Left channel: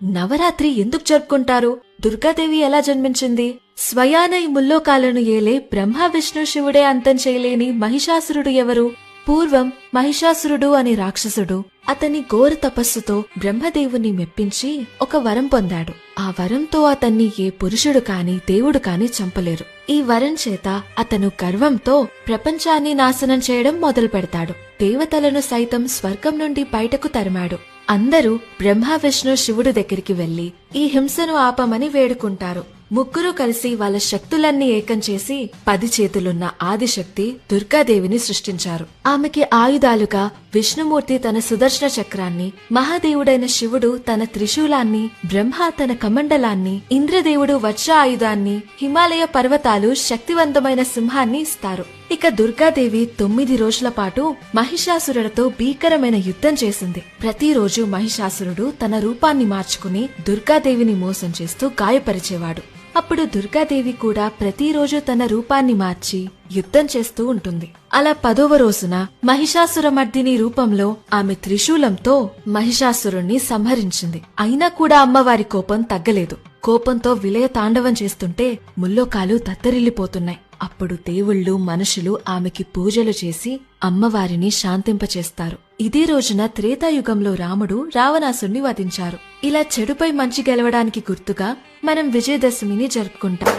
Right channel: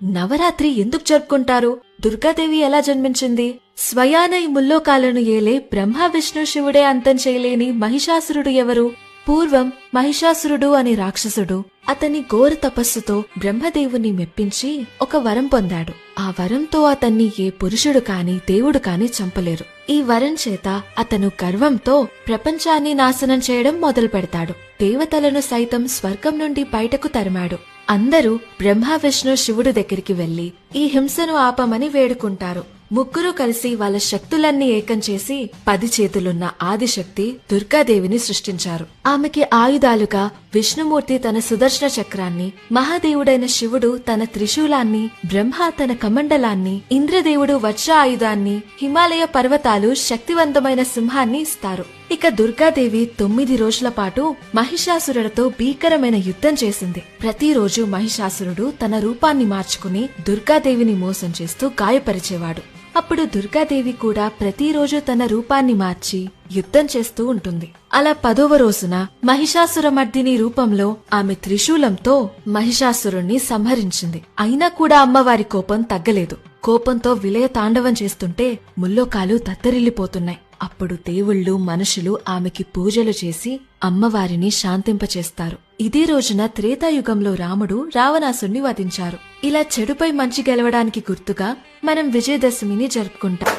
నవరాత్రి ఎందుకు జరుపుకుంటారు? దుర్గాదేవి ఎలా జన్మించింది? స్వయాన ఈ ముల్లోకాలను ఏలే బ్రహ్మ విష్ణు శివుడే అంతం చేయలేని మహిషాసురుడు ఎవరు? పూర్వం మహిషాసురుడు అనే రాక్షసుడు అతని ఘోర తపస్సుతో బ్రహ్మదేవుని మెప్పించి ఒక వరం పొందాడు. ఆ వరంతో అతన్ని ఏ పురుషుడు కాని దేవుడు కాని చంపలేరు. ఈ వరం చేత అతను గర్వంతో ప్రపంచాన్ని నాశనం చేయడం మొదలు పెడతాడు. దేవతలను సైతం స్వర్గం నుండి బయటకు తరిమాడు. అందరూ బ్రహ్మ విష్ణు శివుడు దగ్గరికి వెళ్లి ఈ హింసను ఆపమని వేడుకుంటారు. ముగ్గురు కలిసి వాళ్ళ శక్తులన్నీ ఏకం చేసి 10 చేతులున్న ఆదిశక్తి దుర్గాదేవిని సృష్టించారు. ఆమెకి ఆయుధాలుగా విష్ణుమూర్తి తన సుదర్శన చక్రాన్ని, మహాదేవుడైన శివుడు తన త్రిశూలాన్ని, బ్రహ్మ తన కమండలాన్ని, ఇంద్రదేవుడు వజ్ర ఆయుధాన్ని, హిమాలయ పర్వతాలు శక్తివంతమైన సింహాన్ని ఇస్తారు. ఇక దుర్గాదేవి 9 రోజుల పాటు మహిషాసురుడితో భీకరమైన యుద్ధం చేసింది. ప్రతిరోజు మహిషాసురుడు తన రూపాన్ని మార్చుకుని దుర్గాదేవిని మోసం చేస్తూ గాయపరిచేవాడు. అప్పుడు దుర్గాదేవి కూడా ప్రతిరోజు తన రూపాన్ని మార్చి యుద్ధం చేస్తూ ఉంటుంది. అలా 10వ రోజున మహిషాసురమర్దిని రూపంలో ఆమె త్రిశూలంతో మహిషాసురుణ్ణి సంహరించింది. అయినా కూడా అమ్మవారి కోపం తగ్గలేదు. కోపంతో విలయ తాండవం చేస్తుంటే ముల్లోకాలు తత్తరిల్లిపోతున్నాయి. అప్పుడు దేవుళ్ళు, మనుషులు ఆమెకి పూజలు చేసి అమ్మవారిని శాంతింపచేస్తారు. ఇదే రోజున త్రేతాయుగంలో రాముడు రావణాసుణ్ణి వధించారు. ఇలా చెడుపై మంచి గెలవడానికి గుర్తుగా మనం విజయదశమిని జరుపుకుంటాం.